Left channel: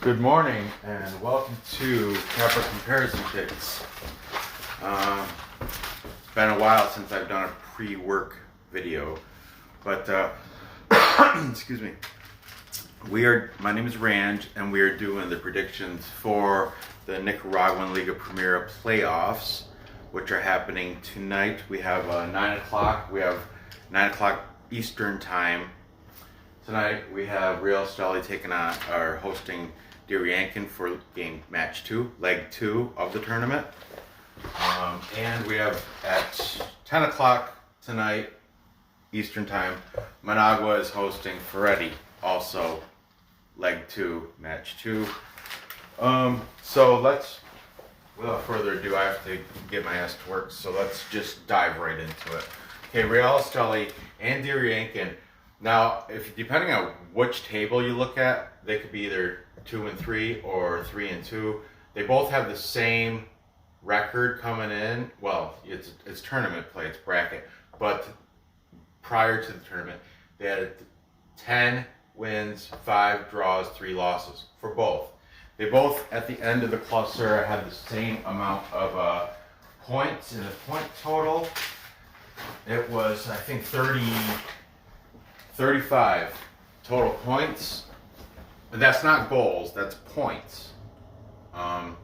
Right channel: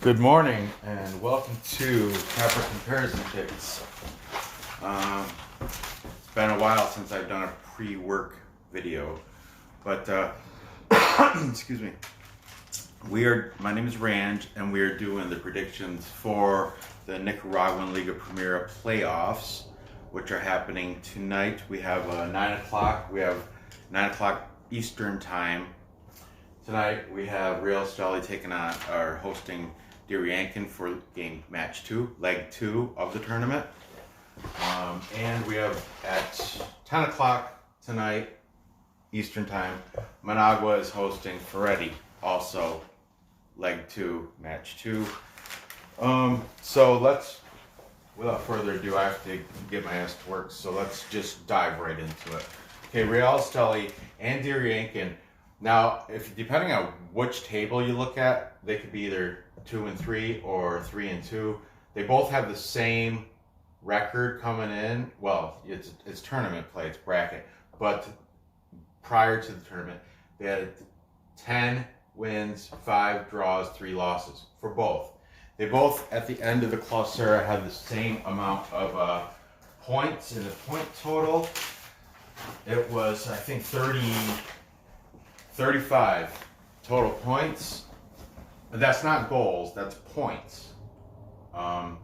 Good morning and welcome to Proper Comparison Picks. It's been a while since I've done a pre-work video, but excuse me. My name is Ranj, and we are doing the predictions for the Nicaraguan Liga Primera playoffs, which are happening tonight. We have 9 o'clock. We have 9 o'clock Eastern time. Tonight we have Real Esteli hosting Diriangen for match 2, leg 2 of the tournament. And we have at 10 o'clock tonight Eastern time, Managua is hosting Ferretti, also leg 2, match 2. So without further ado, I have to get my ass to work, so let's just dive right into it. Okay, Real Esteli and Diriangen. Now, depending on which table you look at, they could be either 2 and 3 or 3 and 2. They both have the same record coming in. Well, it's tournament play, it's bracket. But prior to the tournament, they had 10 wins, 5 draws, 3 losses for both. They both, at the end of the Clausura, had the same amount of points in the point total. It was, I think, 35 total points. And that's not goals, that's points. Now,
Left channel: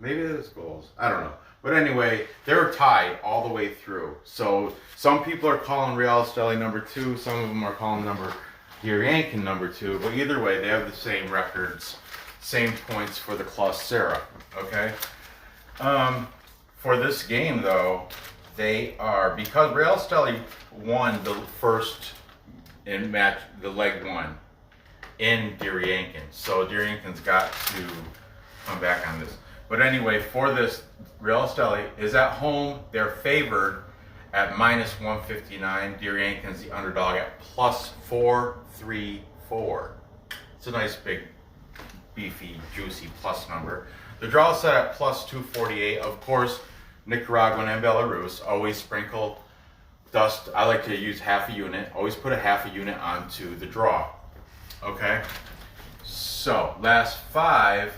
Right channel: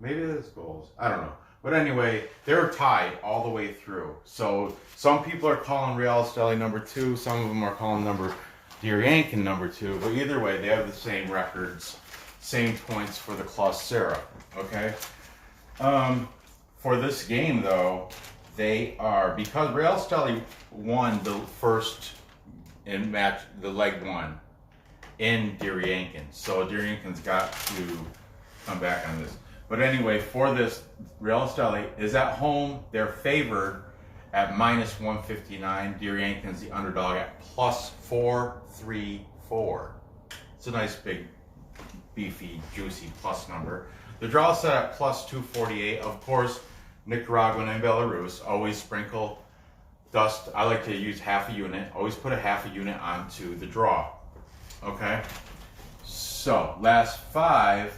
maybe it is goals, I don't know. But anyway, they were tied all the way through. So some people are calling Real Esteli number 2, some of them are calling Diriangen number 2, but either way, they have the same records, same points for the Clausura, okay? For this game, though, because Real Esteli won the first the leg 1 in Diriangen, so Diriangen's got to come back on this. But anyway, for this, Real Esteli is at home. They're favored at minus 159. Diriangen's the underdog at plus 434. It's a nice big, beefy, juicy plus number. The draw is set at plus 248. Of course, Nicaraguan and Belarus always sprinkle dust. I like to use half a unit. Always put a half a unit onto the draw. Okay? So, last 5,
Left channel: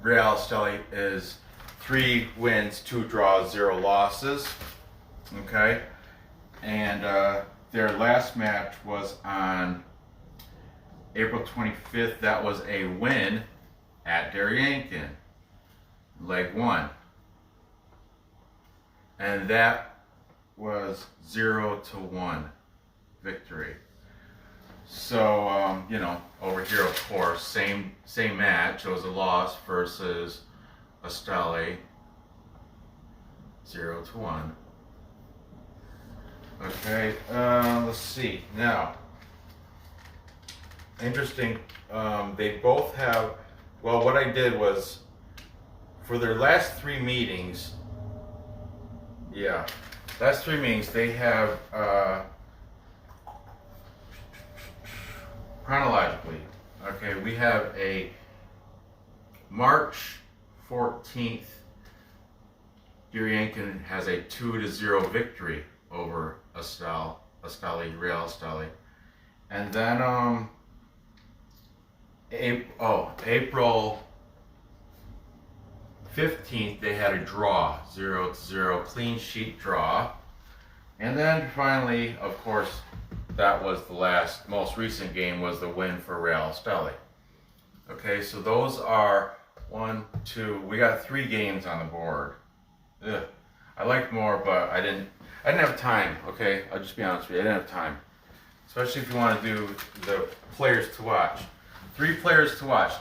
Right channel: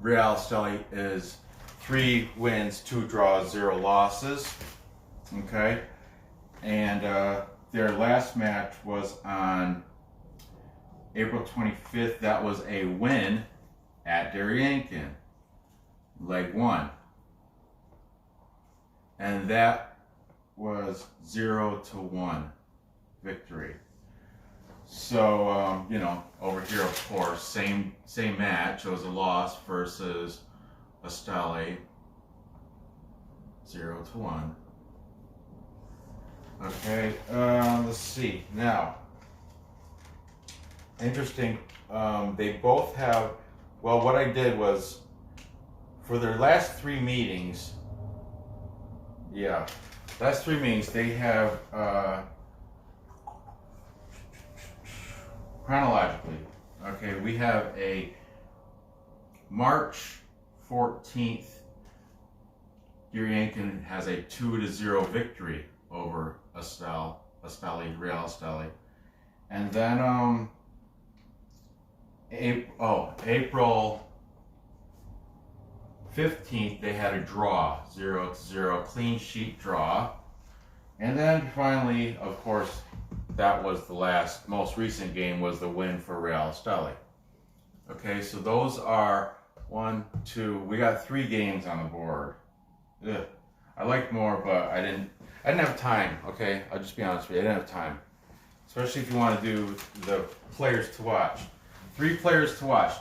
Real Esteli is 3 wins, 2 draws, 0 losses. Okay? And their last match was on April 25th. That was a win at Diriangen, leg 1. And that was 0-1 victory. So, over here, of course, same match. It was a loss versus Esteli, 0-1. Okay, let's see. Now, interesting, they both have, well, what I did was, for their last 3 meetings, they have, chronologically, okay, we have a March 14th, Diriangen has a 2-0 victory over Real Esteli. And then, April 15th, they had a draw, 0-0, clean sheet draw. And then finally, of course, that was the most recent game was the win for Real Esteli. Okay, so those are 1, 2, we got 3 games on the board. Ugh. I liked more, but I didn't have time, okay? I'll just be honest with you, I didn't have time. Especially if you want to do the players to watch. 3 players to watch.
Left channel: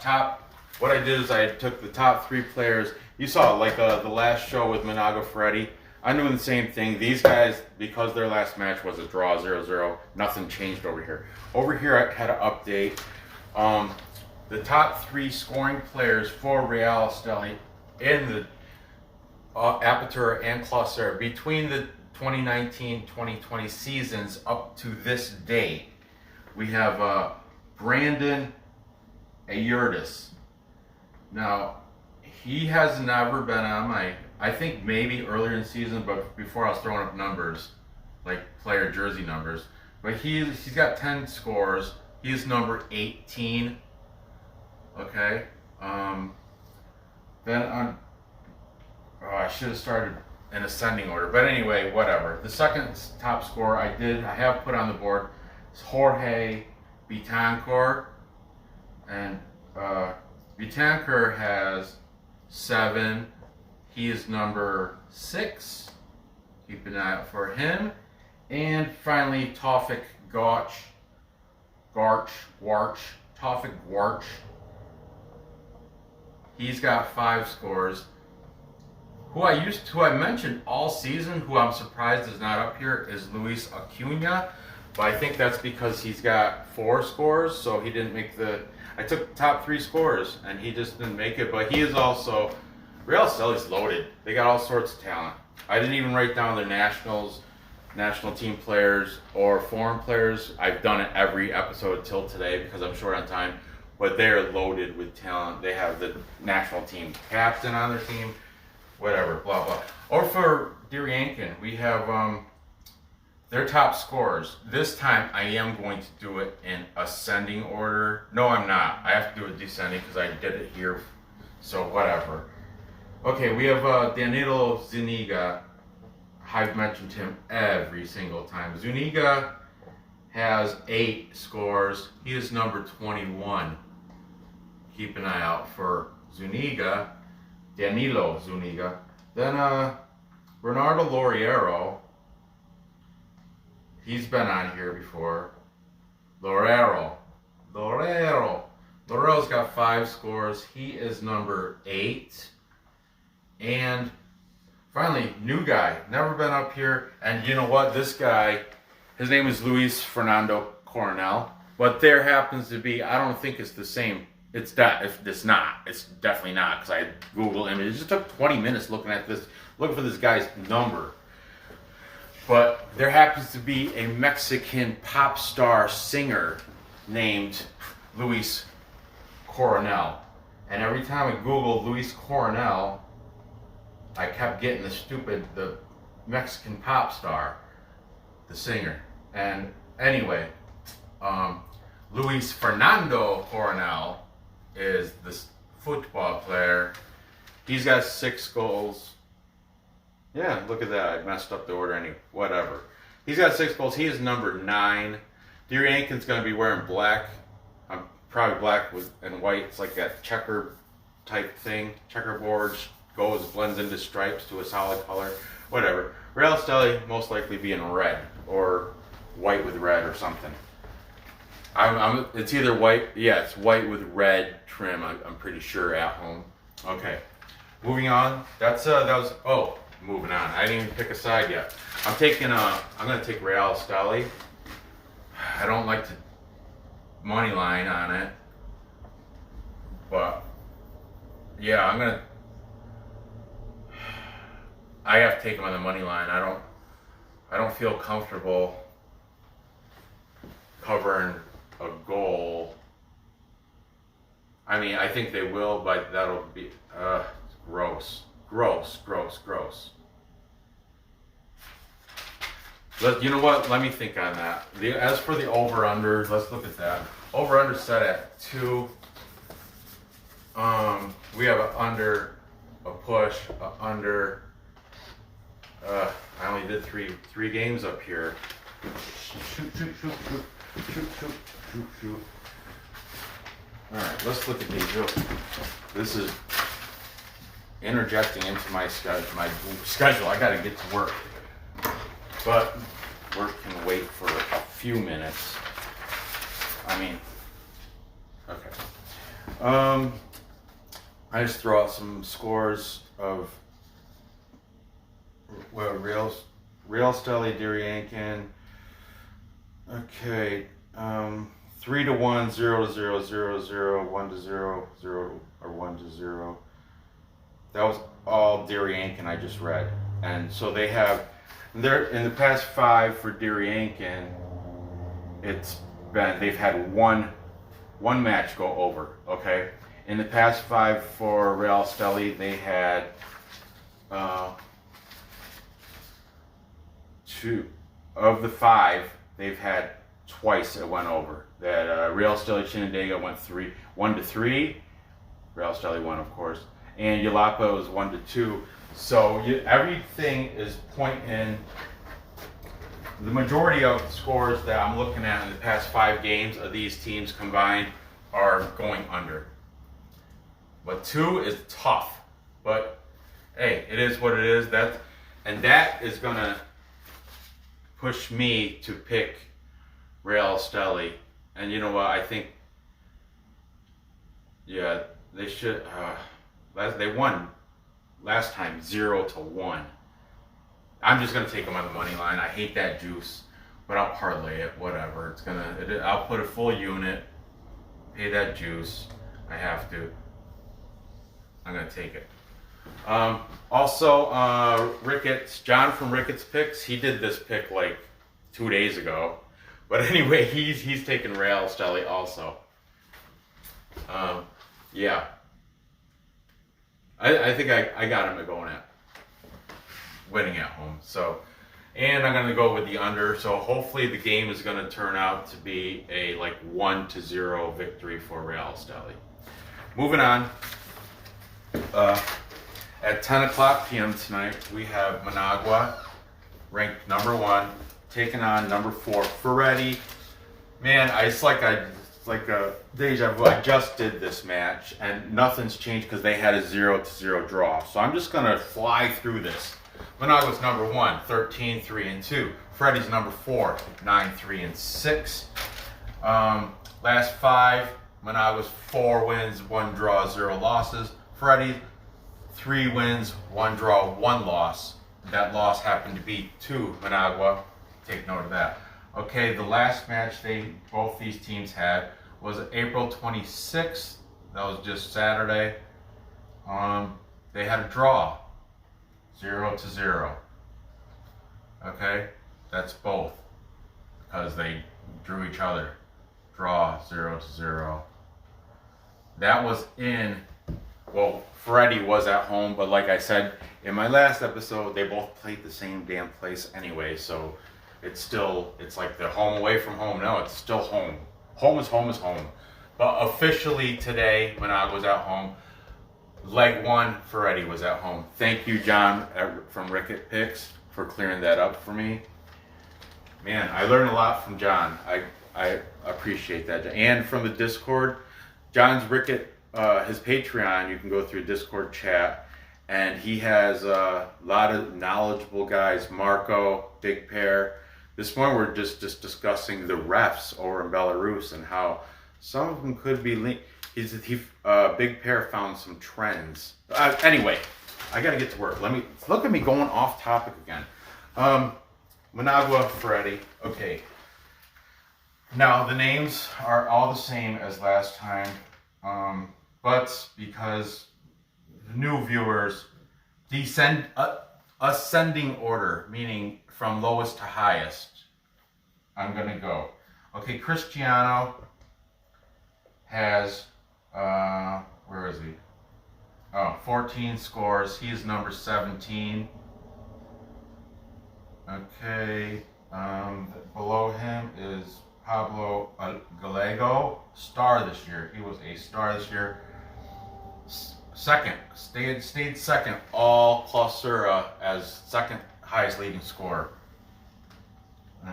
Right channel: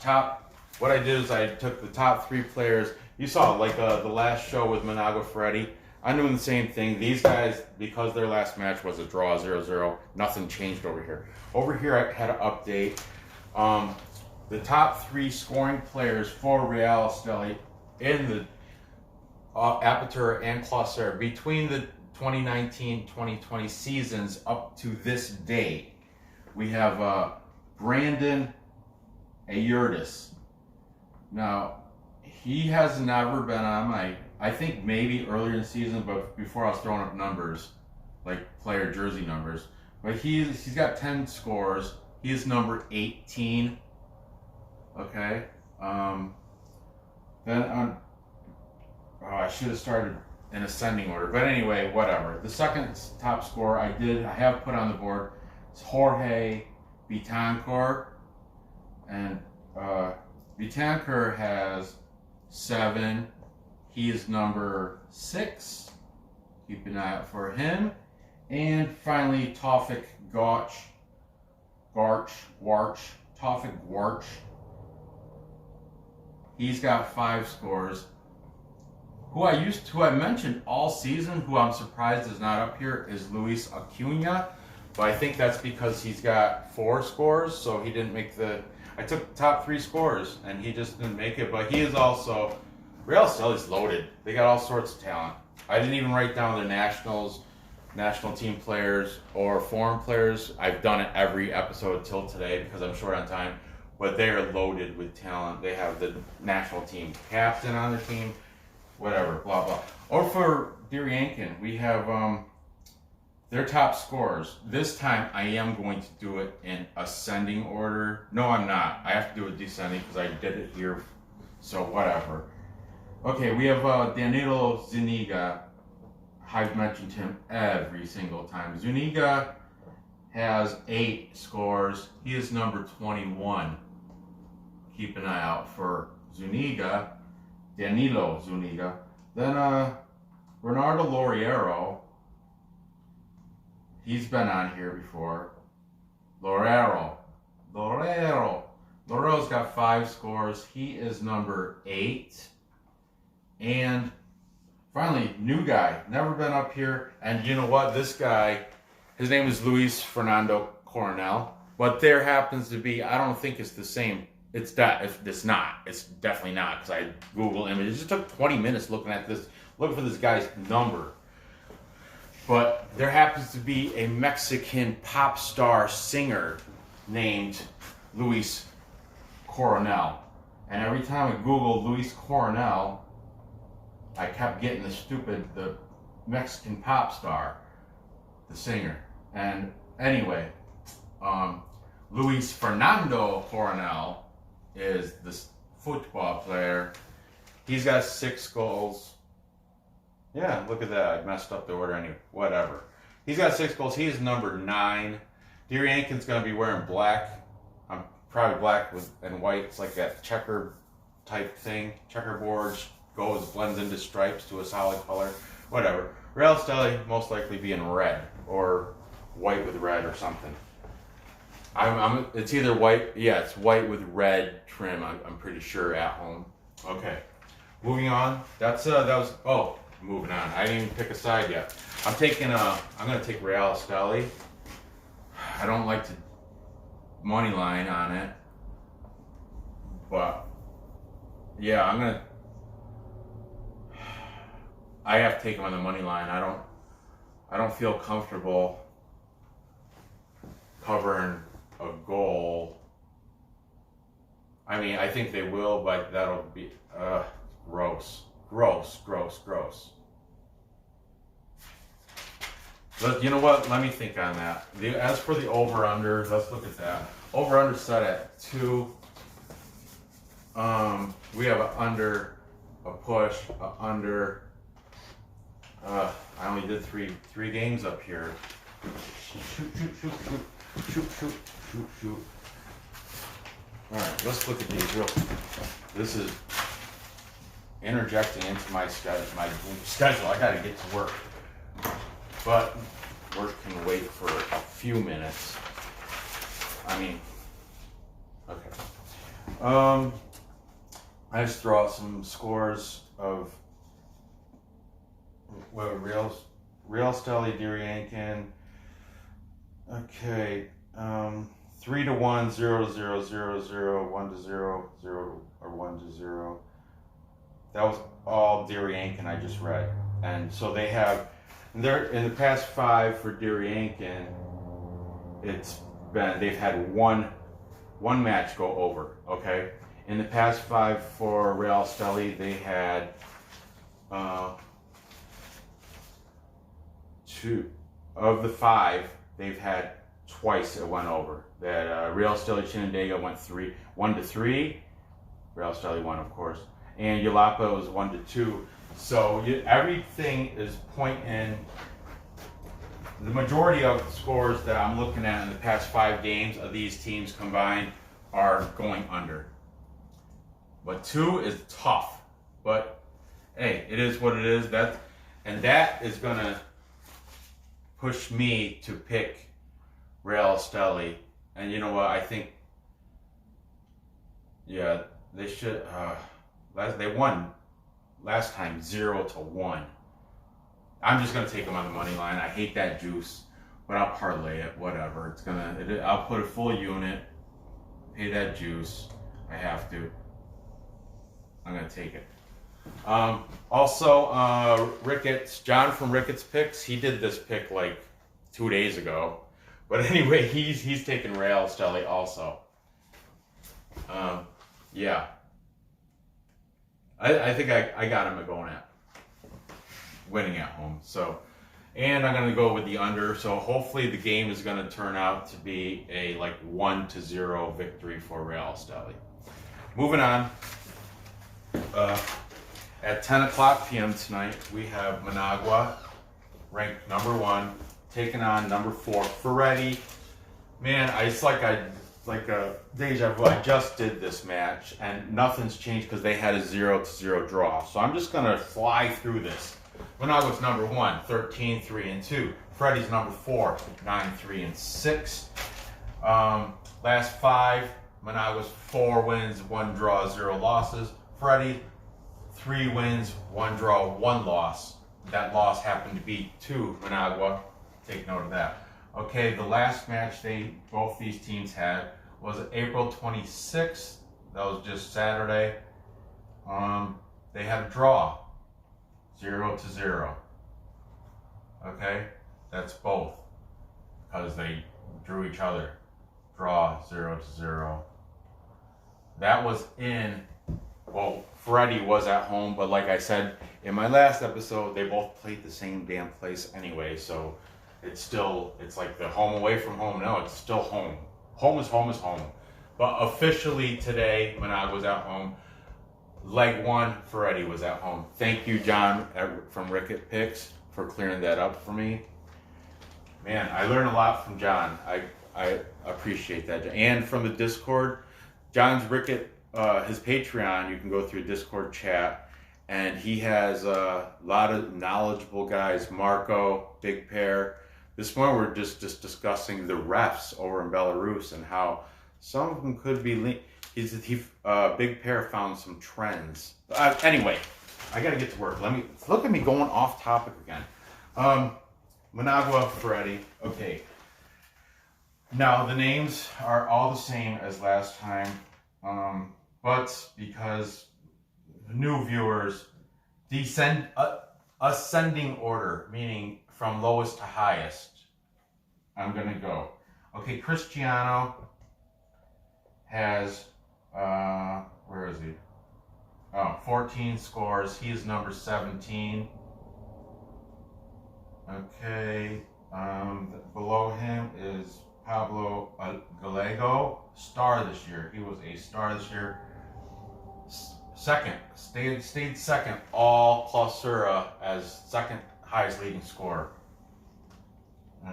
What I did is I took the top 3 players. You saw like the last show with Managua Ferretti. I'm doing the same thing. These guys, because their last match was a draw, 0-0, nothing changed over here. Over here, I had an update. The top 3 scoring players for Real Esteli in the Apertura and Clausura between the 2019-2020 seasons up to this date. We have Brandon Ayurtis. Now, he has never been on I think maybe earlier in the season, but before I was throwing up numbers, like player jersey numbers. But he's got 10 scores. He is number 18. Okay. Then on. Oh, I should have started in ascending order. But anyway, whatever. The second top score I have put on the board is Jorge Betancourt. And Betancourt has 7. He is number 6. Keep an eye out for him. And finally, Tawfik Tawfik Warch. He's got 5 scores. Who I mentioned all season, who I'm surprised is not up here, is Luis Acuna. But I think that's because he's got 4 scores, so he didn't make I took the top 3 scores, and he just didn't make it. But he is also, Real Esteli's loaded. They got all sorts of talent. I didn't even write down the national team players or foreign players. I've done it every episode until today because I'm short on time. But they are loaded with talent. They have the national team captain on their team, whatever, blah, blah. Or for Diriangen, we have their top scorers. This time, I am going to do it in ascending order. No, I'm not. I have to do it descending because I did it here, so whatever. Okay, we have Danilo Zuniga. I've mentioned him every single time. Zuniga has 8 scores. He is number 21. Keep an eye out for Zuniga, Danilo Zuniga. Then Bernardo Loriero. He's been on here before. Lorero's got 5 scores. He is number 8. And finally, new guy, never been up here. And you know what? This guy, his name is Luiz Fernando Coronel. But there happens to be, I don't think it's the same. It's definitely not, because I Googled him. It just took 20 minutes looking for this guy's number. But there happens to be a Mexican pop star singer named Luiz Coronel. And every time I Googled Luiz Coronel, I kept getting the Mexican pop star, the singer. And anyway, Luiz Fernando Coronel is this football player. He's got 6 goals. Yeah, look at that. I messed up the order whatever. He's got 6 goals. He is number 9. Diriangen's going to be wearing black. I'm probably black and white. It's like that checker type thing. Checkerboard blends into stripes to a solid color. Whatever. Real Esteli most likely be in red or white with red or something. It's either white. Yeah, it's white with red trim. I'm pretty sure at home. Okay, moving on. Moving on. I didn't even pick a side yet. I'm gonna take Real Esteli. I don't like to money line on it, but yeah, I have to take him on the money line. I don't feel comfortable covering a goal. I mean, I think they will, but that'll be gross. You know what? Let me think on that. As for the over-under, let's look at that. Over-under set at 2. We have an under, a push, a under. I only did three games up here. Shoot. All right, let's look at these real quick. This is interjecting into my schedule. I got to get to work, but work can wait for a few minutes. I mean, okay. I just throw out some scores of Real Esteli, Diriangen. Okay, 3-1, 0-0, 0-0, 1-0, 0 or 1-0. That was all Diriangen I just read, and so they have. They're in the past 5 for Diriangen. They've had one match go over. Okay, in the past 5 for Real Esteli, they had 2 of the 5 they've had twice it went over. That Real Esteli Chinandega went 1-3. Real Esteli won, of course, and Jalapa was 1-2. So everything is pointing. The majority of the scores that I'm looking at in the past 5 games of these teams combined are going under. But 2 is tough. But hey, it is what it is. That is gonna push me to pick Real Esteli. And you know what? I think, yeah, they should. They won last time 0-1. I'm just gonna take them on the money line. I hate that juice, but I'll parlay it. Whatever. I'll put a full unit. Pay that juice. I have to. I'm gonna take it. Also, Ricketts, John from Ricketts Picks, he did this pick like 2 days ago. But anyway, he's taking Real Esteli also. Yeah. I think I got him going at winning at home. So, and I'm going to go with the under. So hopefully the game is going to turn out to be a like 1-0 victory for Real Esteli. Moving on. At 10 o'clock p.m. tonight, we have Managua, ranked number 1, taking on number 4, Ferretti. Man, it's like a deja vu. I just did this match, and nothing's changed because they had a 0-0 draw. So I'm just gonna fly through this. Managua's number 1, 13-3-2. Ferretti's number 4, 9-3-6. Last 5, Managua's 4 wins, 1 draw, 0 losses. Ferretti, 3 wins, 1 draw, 1 loss. That loss happened to be to Managua. Take note of that. Okay, the last match both these teams had was April 26th. That was just Saturday. They had a draw, 0-0. Okay, that's both because they drew each other. Draw, 0-0. That was Ferretti was at home, but like I said in my last episode, they both played the same damn place anyway, so it's like they're home away from home. No, it's still home. Home is home is home. But officially today, Managua was at home. Leg 1, Ferretti was at home. Thank you, John from Ricket Picks, for clearing that up for me. Man, I learned a lot from John. I appreciate that. And from the Discord, John's Ricket, his Patreon, you can go through Discord chat, and he has a lot of knowledgeable guys. Marco, Big Pear. This morning we're just discussing the refs over in Belarus and how some of them could be linked. Big Pear found some trends. Anyway, I gotta get to work. Look at me going off topic again. Managua, Ferretti. Okay. Now the names are all the same as last time. But because new viewers, ascending order, meaning from lowest to highest, I'm going to go. Okay, Cristiano has, where is he? 14 scores. He is number 17. Okay, below him is Pablo Gallego, star this year. He was a star this year. Second, stayed second all Clausura as second highest leading scorer.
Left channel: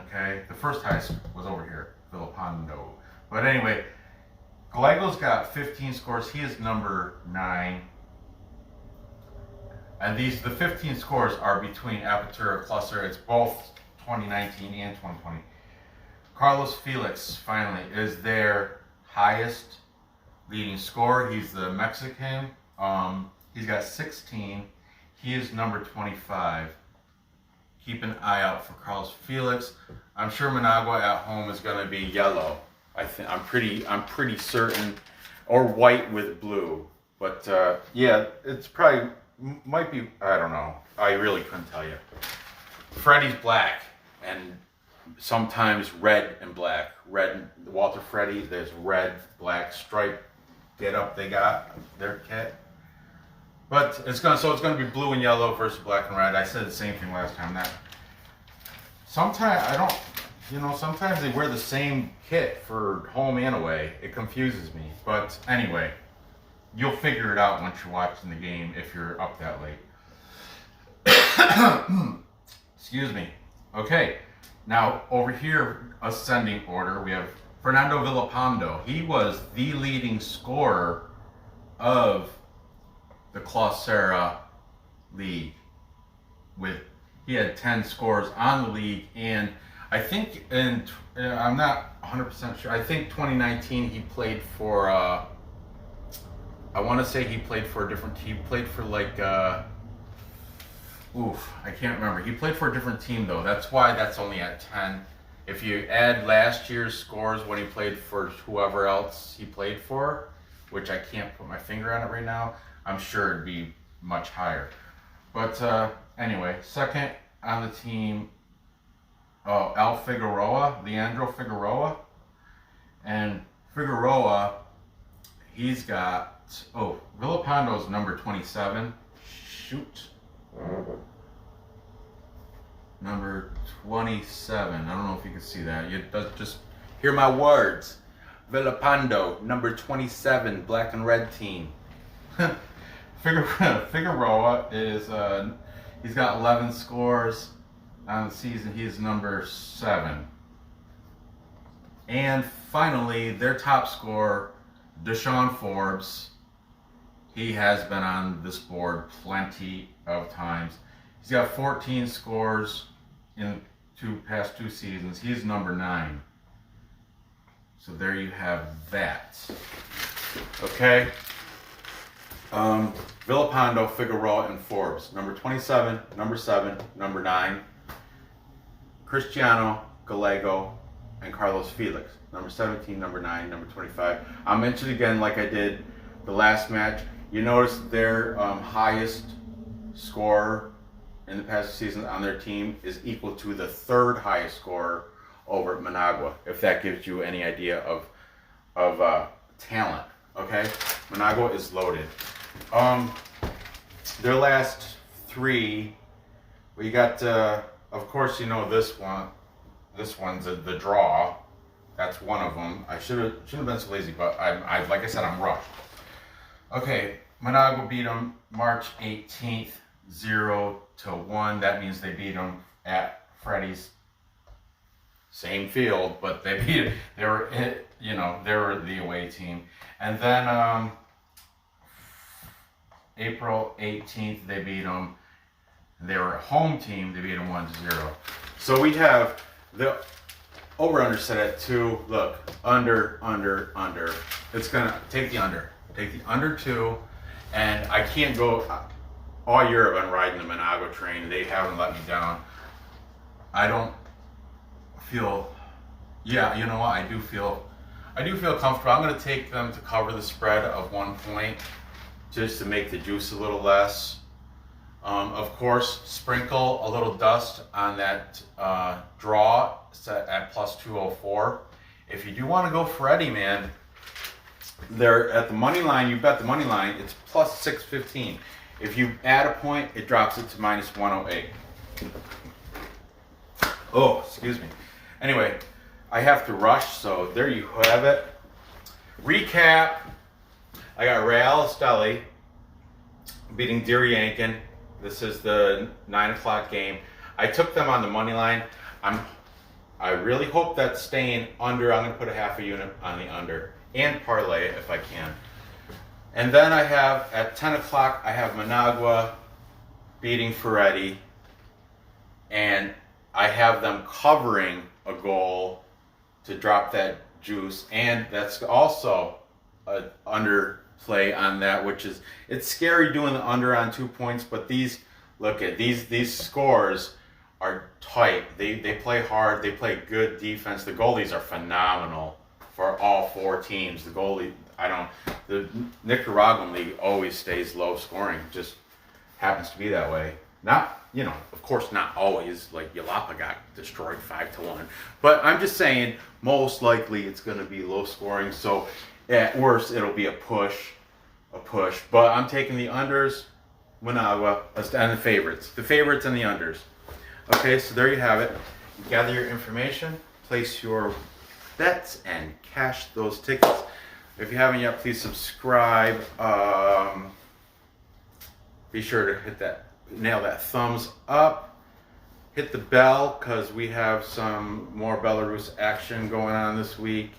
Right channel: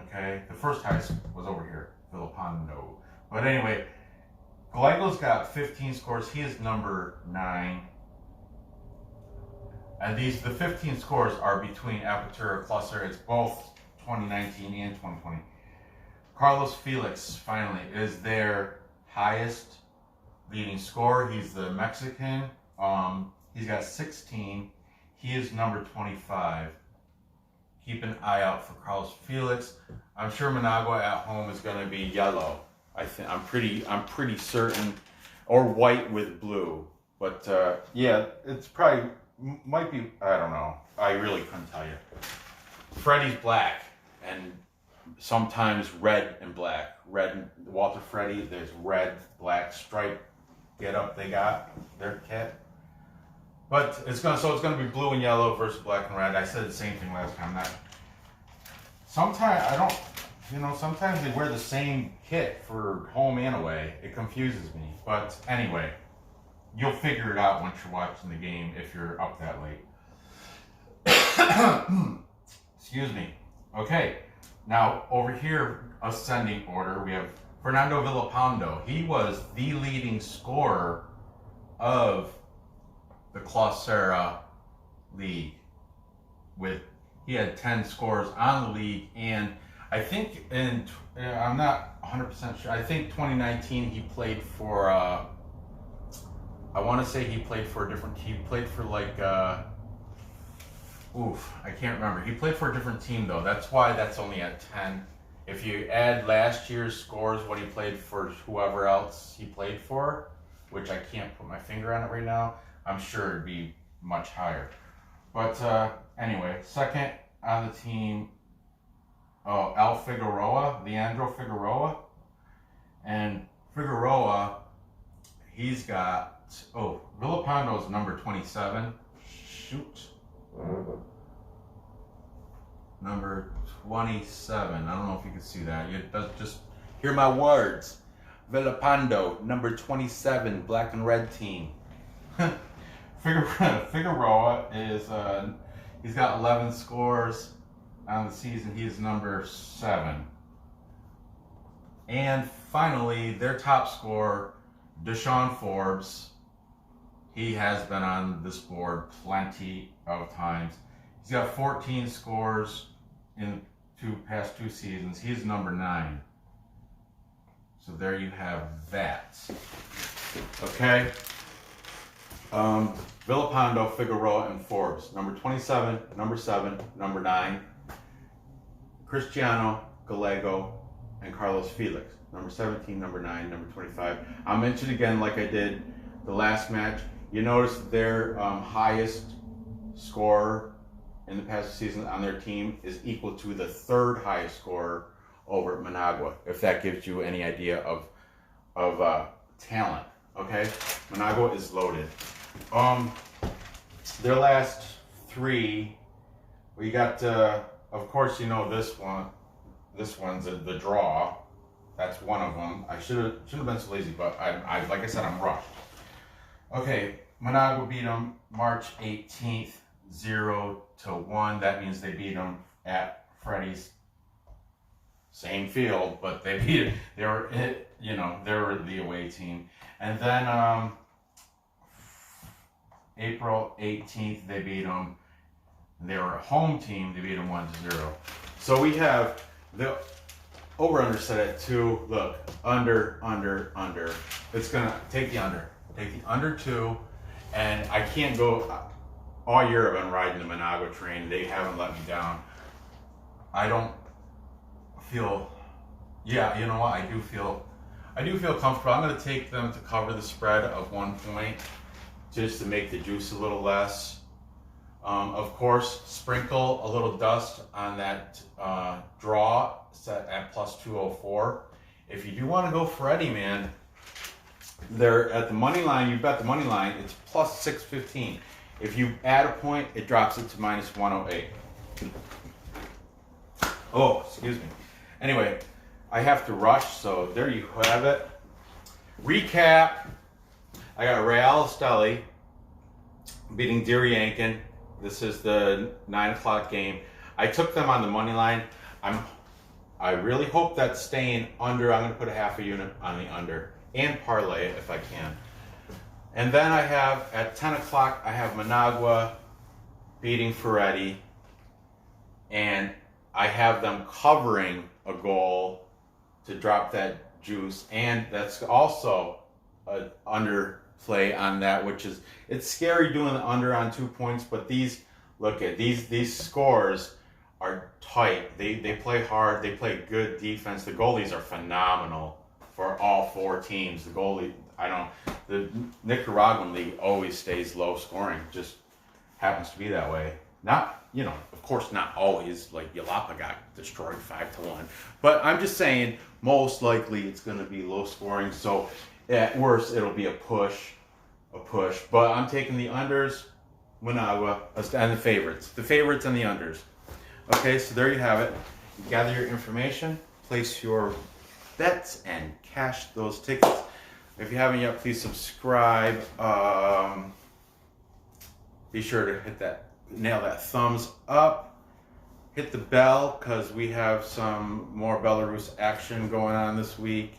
Okay, the first highest was over here, Vilapando. But anyway, Gallego's got 15 scores. He is number 9. And the 15 scores are between Apertura, Clausura. It's both 2019 and 2020. Carlos Felix, finally, is their highest leading scorer. He's the Mexican. He's got 16. He is number 25. Keep an eye out for Carlos Felix. I'm sure Managua at home is going to be yellow. I'm pretty certain, or white with blue. But yeah, it's probably might be. I don't know. I really couldn't tell you. Ferretti's black and sometimes red and black. Walter Ferretti, there's red, black stripe get up they got their kit. But it's gonna be blue and yellow versus black and red. I said the same thing last time. Sometimes I don't you know, sometimes they wear the same kit for home and away. It confuses me. But anyway, you'll figure it out once you're watching the game if you're up that late. Excuse me. Okay, now over here, ascending order, we have Fernando Vilapando. He was the leading scorer of the Clausura League. He had 10 scores on the league, and I think I'm not 100% sure. I think 2019 he played for. I want to say he played for a different. He played for like. I can't remember. He played for a different team though. That's why that's only at 10. If you add last year's scores, what he played for whoever else he played for, which I can't put my finger on it right now, I'm sure it'd be much higher. But anyway, second on the team, Leandro Figueroa. And Figueroa, he's got, Villapando's number 27. Shoot. Number 27. I don't know if you can see that. You just hear my words. Vilapando, number 27, black and red team. Figueroa is he's got 11 scores on the season. He's number 7. And finally, their top scorer, Deshaun Forbes. He has been on this board plenty of times. He's got 14 scores in past two seasons. He's number 9. So there you have that. Okay. Vilapando, Figueroa, and Forbes. Number 27, number 7, number 9. Cristiano, Gallego, and Carlos Felix. Number 17, number 9, number 25. I'll mention again like I did the last match. You notice their highest scorer in the past season on their team is equal to the 3rd highest scorer over at Managua, if that gives you any idea of talent. Okay, Managua is loaded. Their last 3, we got. Of course, you know this one. This one's the draw. That's one of them. I should have been so lazy, but I like I said, I'm rushed. Okay, Managua beat them March 18th, 0-1. That means they beat them at Ferretti's. Same field, but they beat it. They were the away team. And then April 18th, they beat them. They were a home team. They beat them 1-0. So we have the over/under set at 2. Look, under. It's gonna take the under. Take the under 2, and I can't go. All year I've been riding the Managua train. They haven't let me down. I don't feel. Yeah, you know what? I do feel comfortable. I'm going to take them to cover the spread of 1 point, just to make the juice a little less. Of course, sprinkle a little dust on that draw set at plus 204. If you do want to go Ferretti, man, they're at the money line. You bet the money line. It's plus 615. If you add a point, it drops it to minus 108. Oh, excuse me. Anyway, I have to rush, so there you have it. Recap. I got Real Esteli beating Diriangen. This is the 9 o'clock game. I took them on the money line. I really hope that's staying under. I'm going to put a half a unit on the under and parlay it if I can. And then I have, at 10 o'clock, I have Managua beating Ferretti. And I have them covering a goal to drop that juice. And that's also an underplay on that, which is, it's scary doing the under on 2 points, but these scores are tight. They play hard. They play good defense. The goalies are phenomenal for all 4 teams. The Nicaraguan League always stays low scoring. Just happens to be that way. Not, of course not always. Like Yalapa got destroyed 5-1. But I'm just saying, most likely it's going to be low scoring. So at worst, it'll be a push. But I'm taking the unders, Managua, and the favorites and the unders. Okay, so there you have it. You gather your information. place your bets and cash those tickets. If you haven't yet, please subscribe. Be sure to nail that thumbs up. Hit the bell, because we have some more Belarus action going on this week.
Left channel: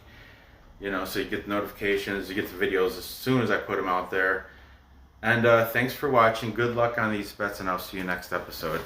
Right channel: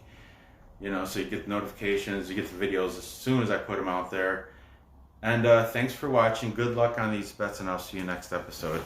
You know, so you get the notifications, you get the videos as soon as I put them out there. And thanks for watching. Good luck on these bets, and I'll see you next episode.